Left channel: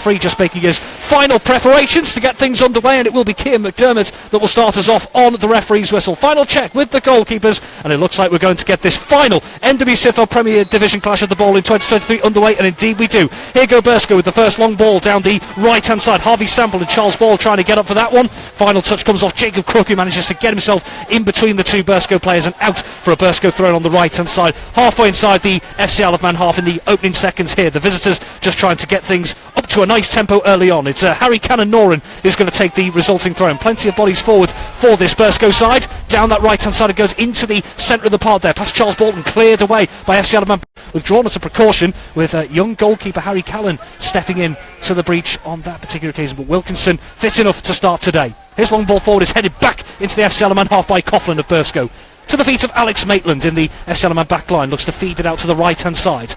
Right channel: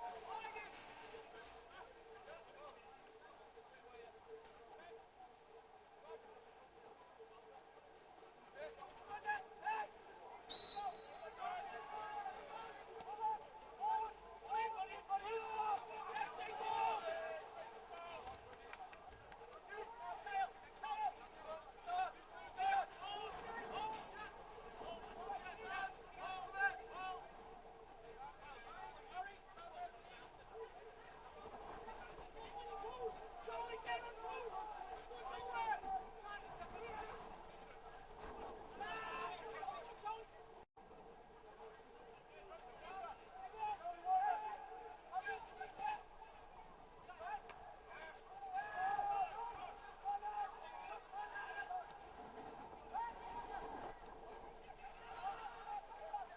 Free just making his final preparations to get things underway, and it will be Cian McDermott that will start us off on the referee's whistle. Final check with the goalkeepers, and it looks like we're going to get this final NWSIFL Premier Division clash of the ball in 2023 underway, and indeed we do. Here go Burscough with the first long ball down the right-hand side. Harvey Sample and Charles Ball trying to get up for that one. Final touch comes off Jacob Crook, who manages to get himself in between the two Burscough players and out for a Burscough throw on the right-hand side. Halfway inside the FC Isle of Man half in the opening seconds here. The visitors just trying to get things up to a nice tempo early on. It's Harry Cannon-Noren who's going to take the resulting throw, and plenty of bodies forward for this Burscough side. Down that right hand side it goes into the centre of the park there, past Charles Bolton, cleared away by FC Isle of Man. Withdrawn as a precaution, with young goalkeeper Harry Callan stepping in to the breach on that particular occasion, but Wilkinson fit enough to start today. His long ball forward is headed back into the FC Isle of Man half by Coughlin of Burscough. To the feet of Alex Maitland in the FC Isle of Man back line, looks to feed it out to the right hand side.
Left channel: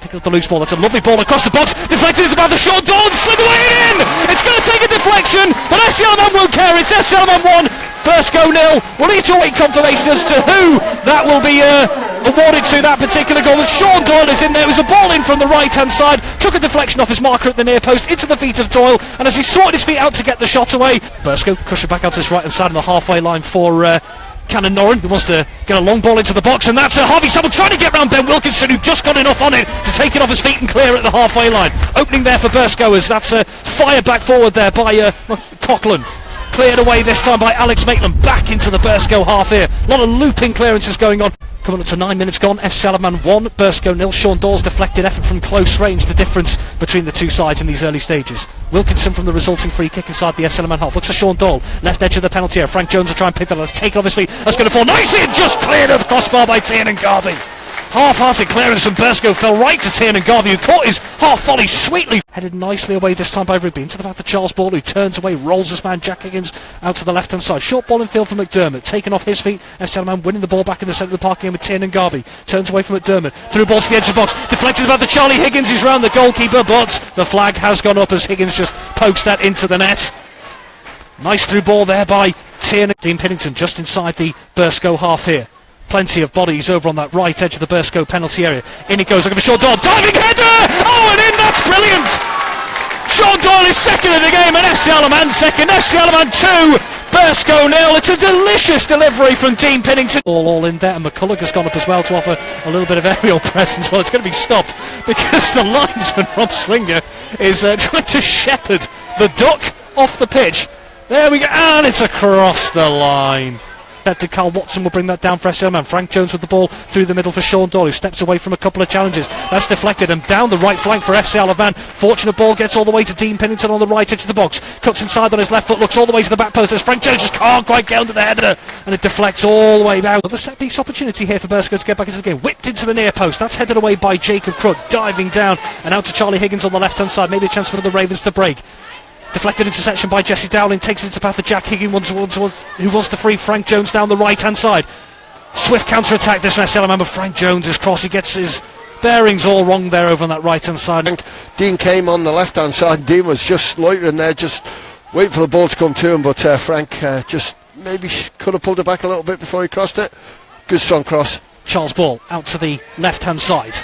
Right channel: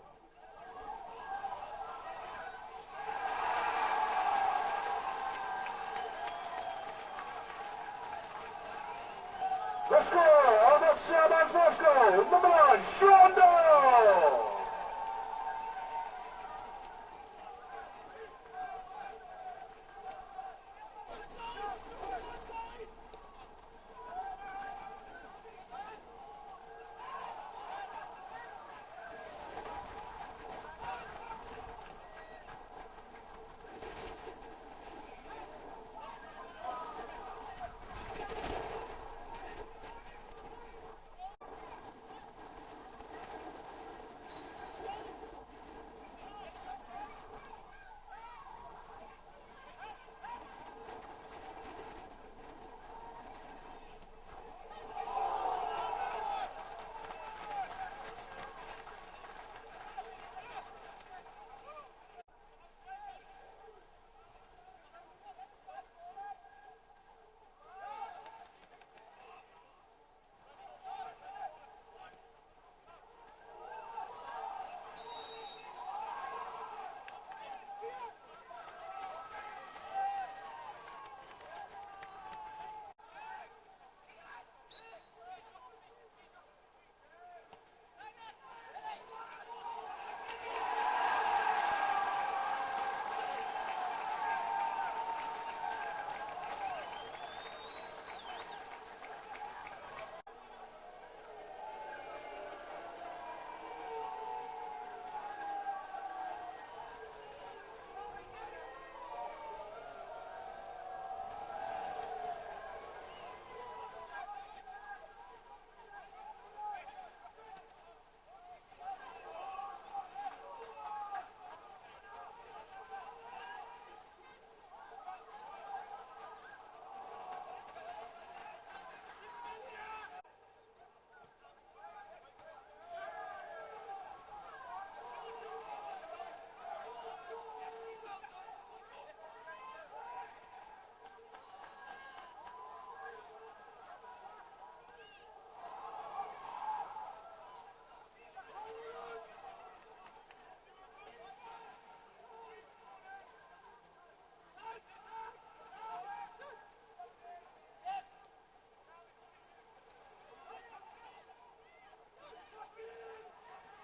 Picking up the loose ball, that's a lovely ball across the box, deflected is about the short door and slid away and in! It's going to take a deflection, but FC Isle of Man won't care. It's FC Isle of Man 1, Burscough 0. We'll need to await confirmation as to who that will be awarded to that particular goal. With Sean Doyle is in there. It was a ball in from the right hand side, took a deflection off his marker at the near post into the feet of Doyle, and as he sorted his feet out to get the shot away, Burscough crushed it back out to his right hand side on the halfway line for Cannon-Noren, who wants to get a long ball into the box, and that's Harvey Sample trying to get round Ben Wilkinson, who just got enough on it to take it off his feet and clear at the halfway line. Opening there for Burscough, that's fired back forward there by Coughlin. Cleared away this time by Alex Maitland, back into the Burscough half here. A lot of looping clearances going on. Coming up to 9 minutes gone, FC Isle of Man 1, Burscough 0. Sean Doyle's deflected effort from close range, the difference between the two sides in these early stages. Wilkinson from the resulting free kick inside the FC Isle of Man half. Looks for Sean Doyle, left edge of the penalty area. Frank Jones will try and pick that. Let's take it off his feet. That's going to fall nicely and just cleared of the crossbar by Tiernan Garvey. Half-hearted clearance from Burscough fell right to Tiernan Garvey, who caught his half volley sweetly. Headed nicely away this time by Rigby into the back of Charles Ball, who turns away, rolls his man Jack Higgins out to the left-hand side. Short ball in field for McDermott, taken off his feet. FC Isle of Man winning the ball back in the centre of the park again with Tiernan Garvey. Turns away from McDermott, through ball to the edge of the box, deflected about the Charlie Higgins who's round the goalkeeper, but the flag has gone up as Higgins just pokes that into the net. Nice through ball there by Tiernan. Dean Pinnington just inside the Burscough half here. Plenty of bodies over on that right edge of the Burscough penalty area. In it goes, looking for Sean Doyle, diving header! Oh, and in, that's brilliant! Sean Doyle is second in the game, and FC Isle of Man second, FC Isle of Man 2, Burscough 0. It's a delicious delivery from Dean Pinnington. All in there, and McCulloch has gone up as well to offer a little bit of aerial presence. Well, it's going to be stopped because the linesman, Rob Slinger, is trying to shepherd the duck off the pitch. There we go, and it's across the line. To Carl Watson will bring that down for FC Isle of Man. Frank Jones with the ball through the middle for Sean Doyle, who steps away from a couple of challenges. That's deflected and down the right flank for FC Isle of Man. Fortunate ball gets all the way to Dean Pinnington on the right edge of the box. Cuts inside on his left foot, looks all the way to the back post as Frank Jones just can't quite get under the header, and it deflects all the way down. Another set piece opportunity here for Burscough to get back into the game. Whipped into the near post. That's headed away by Jacob Crook, diving down and out to Charlie Higgins on the left hand side. Maybe a chance for the Ravens to break. Deflected interception by Jesse Dowling, takes it into path of Jack Higgins, who wants to free Frank Jones down the right-hand side. Swift counter-attack this FC Isle of Man, but Frank Jones is cross. He gets his bearings all wrong there over on that right-hand side. Dean came on the left-hand side. Dean was just loitering there, just waiting for the ball to come to him, but Frank just maybe could have pulled it back a little bit before he crossed it. Good strong cross. Charles Ball out to the left-hand side.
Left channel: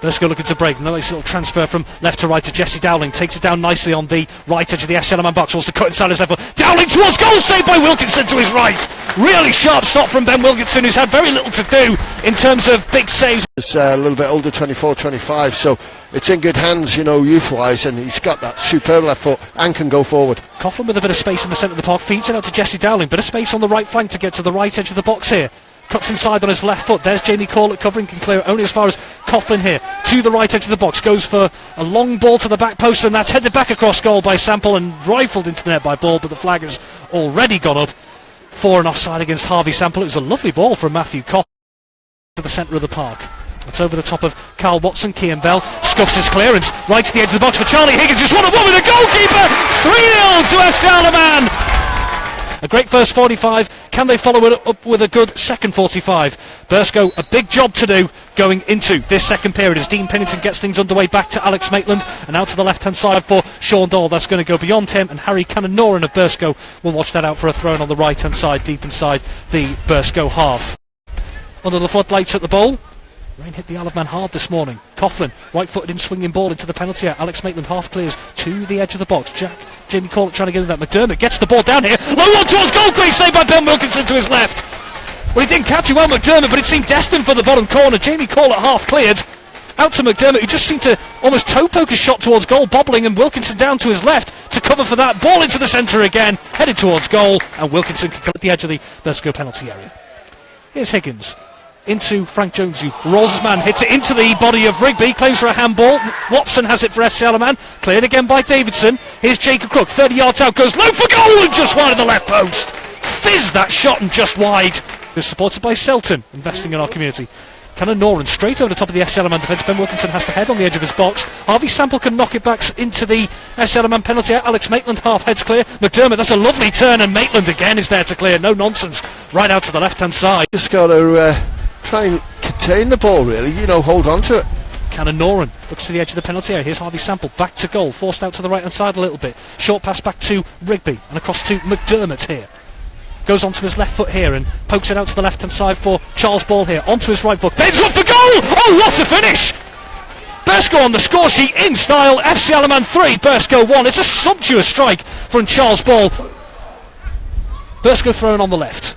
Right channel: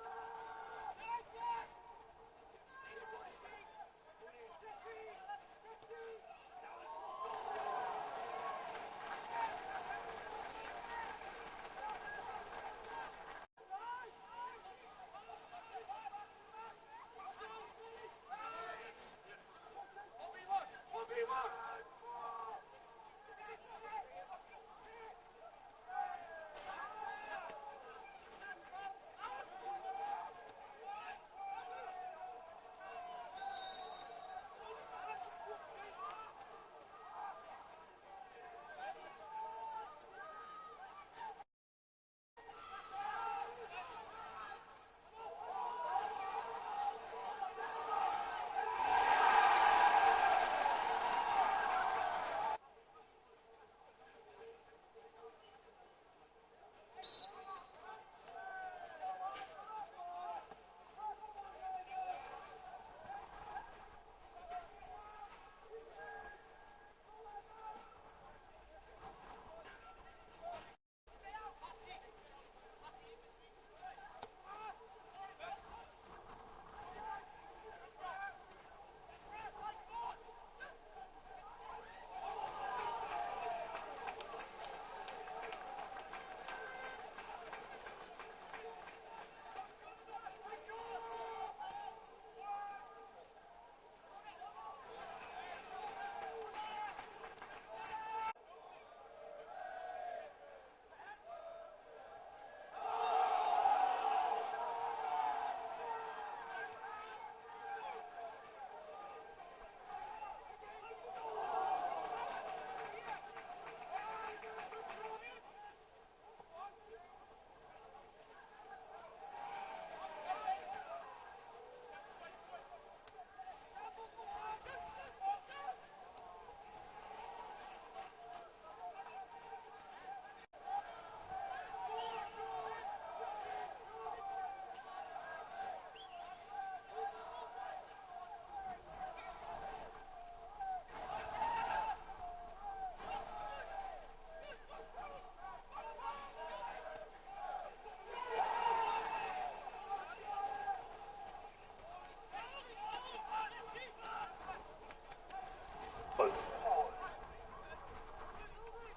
Burscough looking to break. Nice little transfer from left to right to Jesse Dowling. Takes it down nicely on the right edge of the FC Isle of Man box. Wants to cut inside his left foot. Dowling towards goal, saved by Wilkinson to his right. Really sharp stop from Ben Wilkinson, who's had very little to do in terms of big saves. It's a little bit older, 24, 25, so it's in good hands, you know, youth-wise, and he's got that superb left foot and can go forward. Coughlin with a bit of space in the centre of the park. Feeds it out to Jesse Dowling. Bit of space on the right flank to get to the right edge of the box here. Cuts inside on his left foot. There's Jamie Corlett covering, can clear it only as far as Coughlin here. To the right edge of the box. Goes for a long ball to the back post, and that's headed back across goal by Sample and rifled into the net by Ball, but the flag has already gone up for an offside against Harvey Sample. It was a lovely ball from Matthew Coughlin to the centre of the park. It's over the top of Carl Watson. Cian Bell scuffs his clearance right to the edge of the box for Charlie Higgins. Just 1-1 with the goalkeeper. 3-0 to FC Isle of Man. A great first 45. Can they follow it up with a good second 45? Burscough, a big job to do going into this second period as Dean Pinnington gets things underway back to Alex Maitland and out to the left-hand side for Sean Doyle. That's going to go beyond him, and Harry Cannon-Noren of Burscough will watch that out for a throw on the right-hand side, deep inside the Burscough half. Under the floodlights at the bowl, Rain hit the Isle of Man hard this morning. Coughlin, right-footed in swinging ball into the penalty area. Alex Maitland half clears to the edge of the box. Jamie Corlett trying to get in that. McDermott gets the ball down here. Low one towards goal, great save by Ben Wilkinson to his left. Well, he didn't catch it well, McDermott, but it seemed destined for the bottom corner. Jamie Corlett half cleared. Out to McDermott, who just seemed to almost toe poke a shot towards goal, bobbling, and Wilkinson down to his left to cover for that. Ball into the centre again, headed towards goal, and Wilkinson can at the edge of the Burscough penalty area. Here's Higgins. Into Frank Jones, who rolls his man, hits it into the body of Rigby, claims for a handball. Watson has it for FC Isle of Man, cleared again by Davidson. Here's Jacob Crook, 30 yards out, goes low for goal and just wide of the left post. Fizz that shot and just wide. It's supported by Selton, investing in our community. Cannon Noran straight over the top of the FC Isle of Man defence. Ben Wilkinson has the head on the edge of his box. Harvey Sample can knock it back into the FC Isle of Man penalty area. Alex Maitland half heads clear. McDermott, that's a lovely turn, and Maitland again is there to clear. No nonsense, right out to the left hand side. Just got to try and contain the ball, really, hold on to it. Cannon Noran looks to the edge of the penalty area. Here's Harvey Sample, back to goal, forced out to the right hand side a little bit. Short pass back to Rigby and across to McDermott here. Goes onto his left foot here and pokes it out to the left hand side for Charles Ball here. Onto his right foot, bends up for goal. Oh, what a finish! Burscough on the score sheet in style. FC Isle of Man 3, Burscough 1. It's a sumptuous strike from Charles Ball. Burscough thrown on the left.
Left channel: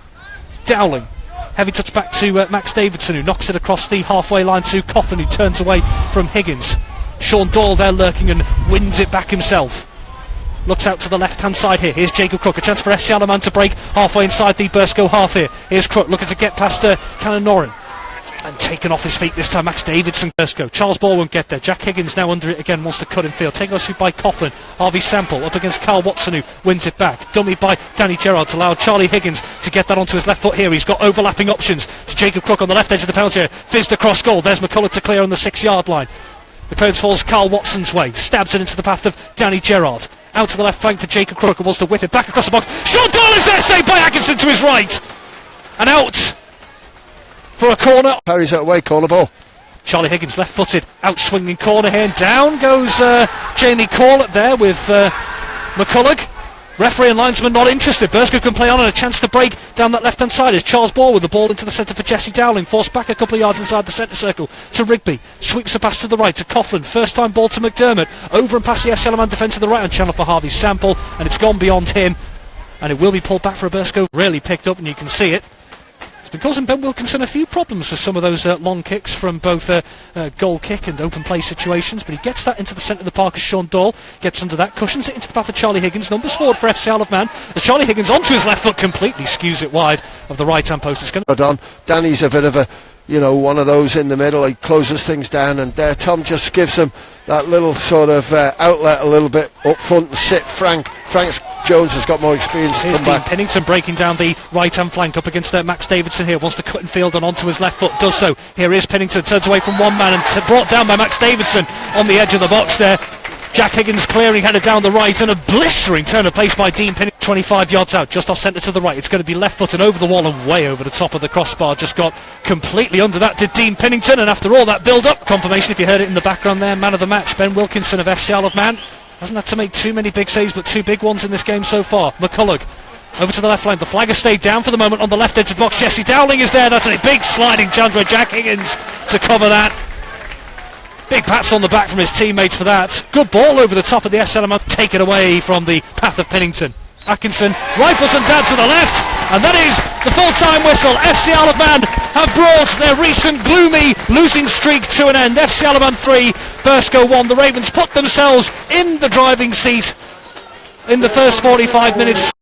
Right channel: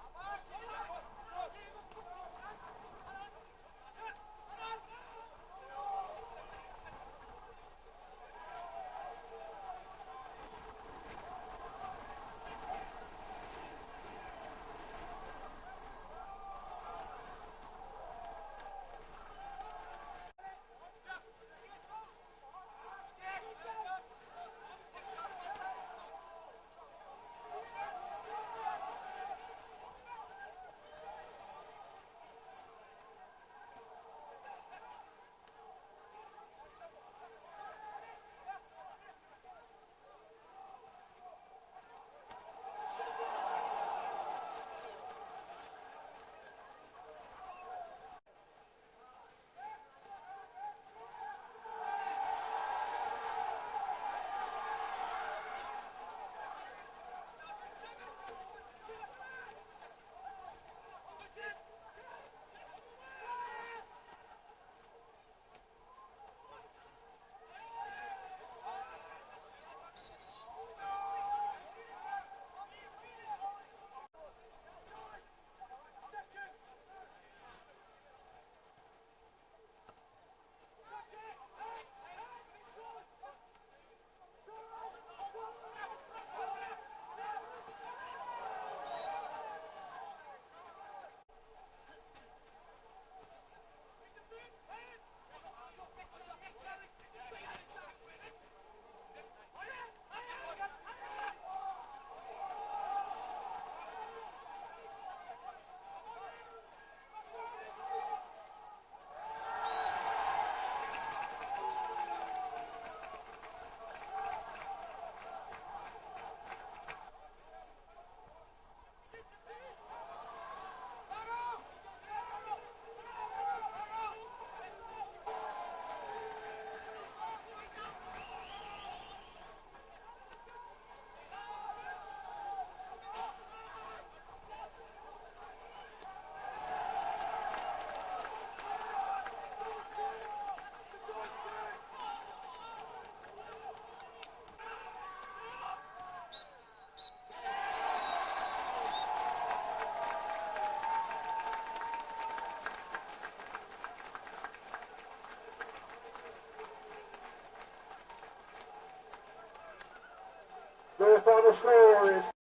Dowling. Heavy touch back to Max Davidson, who knocks it across the halfway line to Coughlin, who turns away from Higgins. Sean Doyle there lurking and wins it back himself. Looks out to the left-hand side here. Here's Jacob Crook. A chance for FC Isle of Man to break halfway inside the Burscough half here. Here's Crook looking to get past Cannon Noran. And taken off his feet this time, Max Davidson. Burscough. Charles Ball won't get there. Jack Higgins now under it again, wants to cut in field. Taken off by Coughlin. Harvey Sample up against Carl Watson, who wins it back. Dummy by Danny Gerrard to allow Charlie Higgins to get that onto his left foot here. He's got overlapping options to Jacob Crook on the left edge of the penalty area. Fizzed across goal. There's McCullough to clear on the 6-yard line. The clearance falls Carl Watson's way. Stabs it into the path of Danny Gerrard. Out to the left flank for Jacob Crook, who wants to whip it back across the box. Sean Doyle is there, saved by Atkinson to his right. And out for a corner. Parries that away, corner ball. Charlie Higgins left-footed, out-swinging corner here, and down goes Jamie Corlett there with McCullough. Referee and linesman not interested. Burscough can play on, and a chance to break down that left-hand side is Charles Ball with the ball into the centre for Jesse Dowling. Forced back a couple of yards inside the centre circle to Rigby. Sweeps a pass to the right to Coughlin. First-time ball to McDermott. Over and past the FC Isle of Man defence to the right-hand channel for Harvey Sample, and it's gone beyond him. And it will be pulled back for a Burscough. Really picked up, and you can see it. It's been causing Ben Wilkinson a few problems for some of those long kicks from both goal kick and open play situations, but he gets that into the centre of the park as Sean Doyle gets under that, cushions it into the path of Charlie Higgins, numbers forward for FC Isle of Man, as Charlie Higgins onto his left foot completely skews it wide of the right hand post. It's going to... Danny's a bit of a, one of those in the middle. He closes things down, and Tom just gives him that little sort of outlet a little bit up front and sit. Frank Jones has got more experience. Here's Dean Pennington breaking down the right-hand flank up against Max Davidson here. Wants to cut in field and onto his left foot. Does so. Here is Pennington. Turns away from one man and brought down by Max Davidson on the edge of the box there. Jack Higgins clearing, headed down the right, and a blistering turn of pace by Dean Pennington. 25 yards out, just off centre to the right. It's going to be left foot and over the wall and way over the top of the crossbar. Just got completely under that did Dean Pennington, and after all that build-up, confirmation if you heard it in the background there, man of the match, Ben Wilkinson of FC Isle of Man. Hasn't had to make too many big saves, but two big ones in this game so far. McCullough over to the left flank. The flag has stayed down for the moment on the left edge of the box. Jesse Dowling is there. That's a big sliding chance for Jack Higgins to cover that. Big pats on the back from his teammates for that. Good ball over the top of the SLM. Take it away from the path of Pennington. Atkinson rifles and down to the left, and that is the full-time whistle. FC Isle of Man have brought their recent gloomy losing streak to an end. FC Isle of Man 3, Burscough 1. The Ravens put themselves in the driving seat in the first 45 minutes.